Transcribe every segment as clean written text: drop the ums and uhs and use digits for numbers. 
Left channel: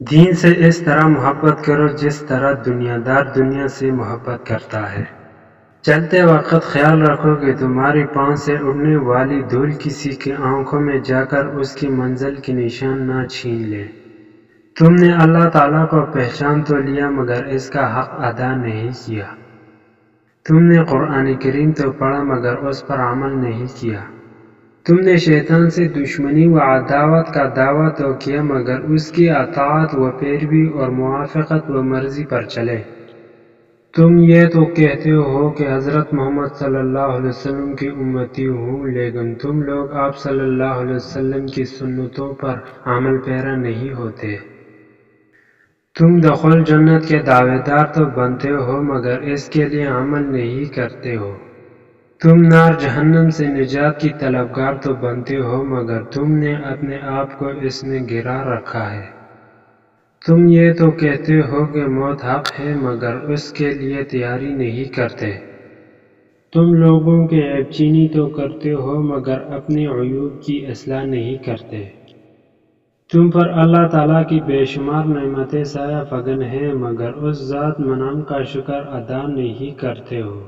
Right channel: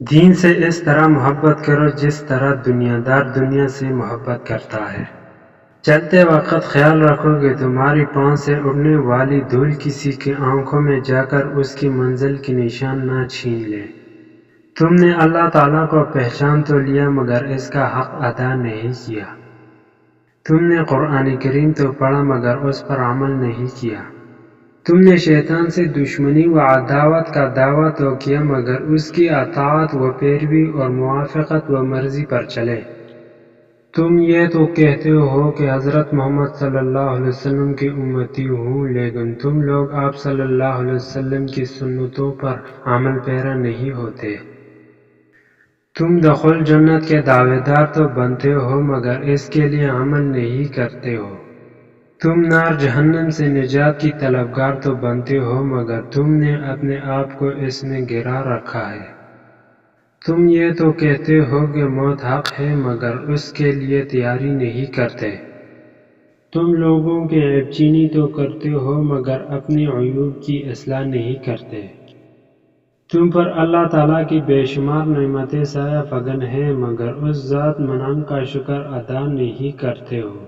دین سے اس طرح محبت کرو جس طرح دنیا دار دنیا سے محبت کرتا ہے۔ چلتے وقت خیال رکھو کہ تمہاری پاؤں سے اڑنے والی دھول کسی کی آنکھوں میں جا کر اس کی منزل کے نشان نہ چھین لے۔ تم نے اللہ تعالیٰ کو پہچان تو لیا مگر اس کا حق ادا نہیں کیا۔ تم نے قرآن کریم تو پڑھا مگر اس پر عمل نہیں کیا۔ تم نے شیطان سے دشمنی و عداوت کا دعویٰ تو کیا مگر اس کی اطاعت و پیروی اور موافقت و مرضی پر چلے۔ تم یہ تو کہتے ہو کہ حضرت محمد صلی اللہ علیہ وسلم کی امتی ہوں، لیکن تم لوگ آپ صلی اللہ علیہ وسلم کی سنتوں پر عمل پیرا نہیں ہوتے۔ تم دخول جنت کے دعوے دار تو بنتے ہو مگر اس کے لیے عمل نہیں کرتے ہو۔ تم نار جہنم سے نجات کی طلبگار تو بنتے ہو مگر تم نے اپنے آپ کو اس میں گرا رکھا ہے۔ تم یہ تو کہتے ہو کہ موت حق ہے مگر اس کے لیے تیاری نہیں کرتے۔ تم لوگوں کے عیب چینی تو کرتے ہو مگر اپنے عیوب کی اصلاح نہیں کرتے۔ تم پر اللہ تعالیٰ کی بے شمار نعمتیں سایہ فگن ہیں مگر اس ذات منعم کا شکر ادا نہیں کرتے ہو۔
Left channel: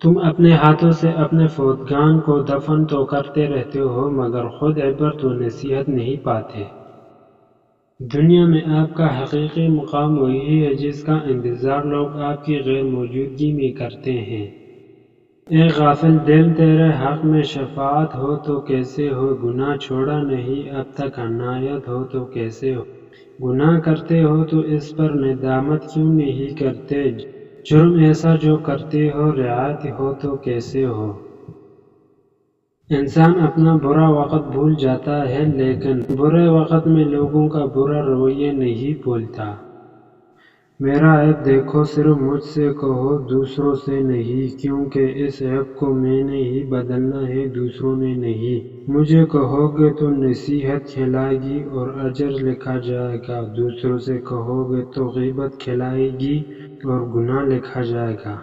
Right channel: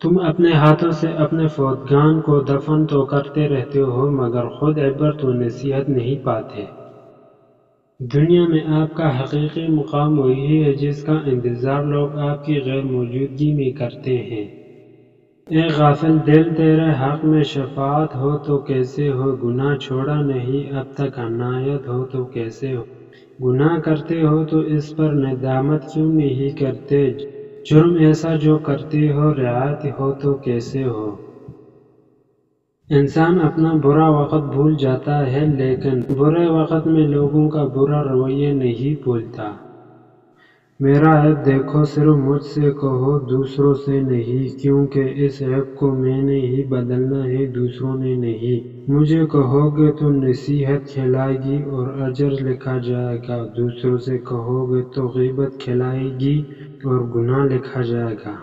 تم اپنے ہاتھوں سے اپنے فوتگان کو دفن تو کرتے رہتے ہو مگر خود عبرت و نصیحت نہیں پاتے۔ دنیا میں آپ کا حقیقی مقام وہی ہے جس کا انتظار لوگ آپ کی غیر موجودگی میں کرتے ہیں۔ اے غافل دل، تیرے حق میں شفاعت ہو تو کیسے ہو، گناہ چھوڑا نہیں اب تک عنایت ہو تو کیسے ہو، گناہ کرتے ہو تو اس پر ندامت کیوں نہیں کرتے، جرم ایسا جو کرتے ہو رعایت ہو تو کیسے ہو۔ انسان اپنا برا وقت بھول جاتا ہے لیکن برے وقت میں لوگوں کا برا رویہ نہیں بھولتا۔ میرا عیب دیکھو صرف مجھ سے کہو دوسروں سے نہیں، کیونکہ اس عیب کو میں نے ہی بدلنا ہے دوسروں نے نہیں۔ مجھے کہو گے تو نصیحت کھلائے گی اور اجر لکھا جائے گا، دوسروں سے کہو گے تو غیبت کھلائے گی اور گناہ لکھا جائے گا۔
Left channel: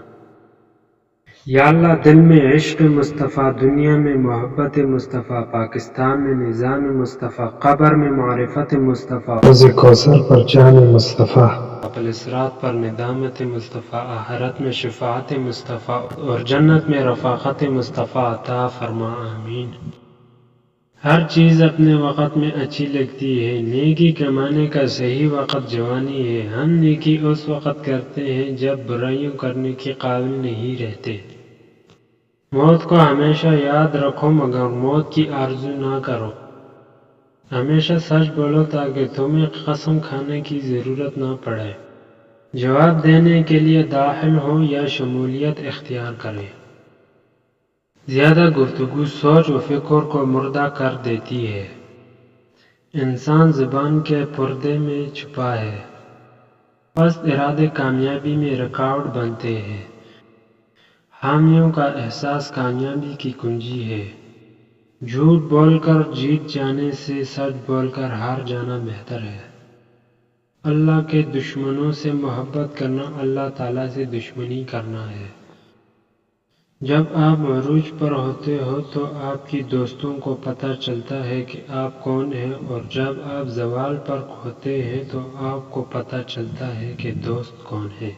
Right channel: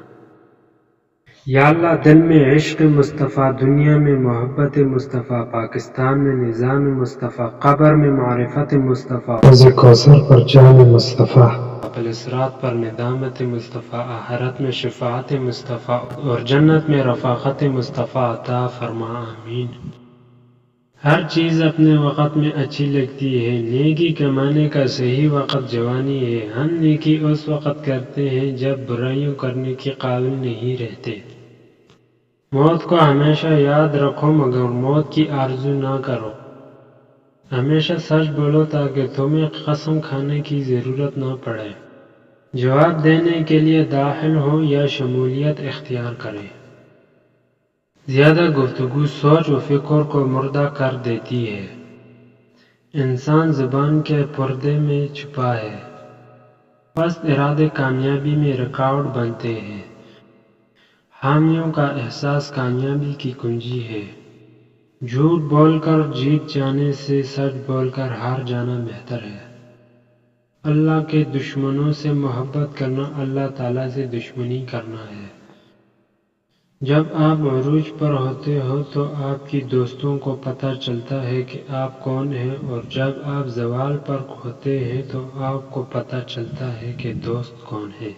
یا اللہ دل میں عشق مصطفیٰ، دنیا میں محبت مصطفیٰ، پاکستان میں نظام مصطفیٰ، قبر میں معرفت مصطفیٰ، حوض کوثر پر جام مصطفیٰ، الصراط پر ندامت مصطفیٰ، آخرت میں شفاعت مصطفیٰ اور جنت میں رفاقت مصطفیٰ عطا فرما، آمین۔ ہر چیز اپنے وقت میں اچھی لگتی ہے، نیکی کمانے کا صحیح وقت جوانی ہے۔ ہم نیکی اس وقت کرتے ہیں جب برائیوں کرنے کے قابل نہیں رہتے۔ موت کو ہمیشہ یاد رکھو مگر موت کی آرزو نہ کرو۔ ہمیشہ سچ بولو تاکہ تمہیں قسم کھانے کی ضرورت نہ پڑے۔ جواب دینے کے لیے داخل ہو یا شمولیت اختیار کرے۔ زیادہ گفتگو سوچ و فکر کو مردہ کر دیتی ہے۔ انسان زبان کے پردے میں چھپا ہے۔ پست ارادے کامیابی میں رکاوٹ بنتے ہیں۔ حامیوں کا احساس کامیابی کی کنجی ہے۔ جھوٹ بول کر جیت جانے سے سچ بول کر ہار جانا بہتر ہے۔ اللہ کے دشمنوں سے محبت کرنا اللہ تعالیٰ سے دشمنی کرنا ہے۔ جب آپ عروج پر ہوتے ہو تو آپ کی دوستوں کو پتہ چلتا ہے کہ آپ کون ہیں، اور جب آپ زوال پر ہوتے ہیں تو آپ کو پتہ چلتا ہے کہ دوست کون ہیں۔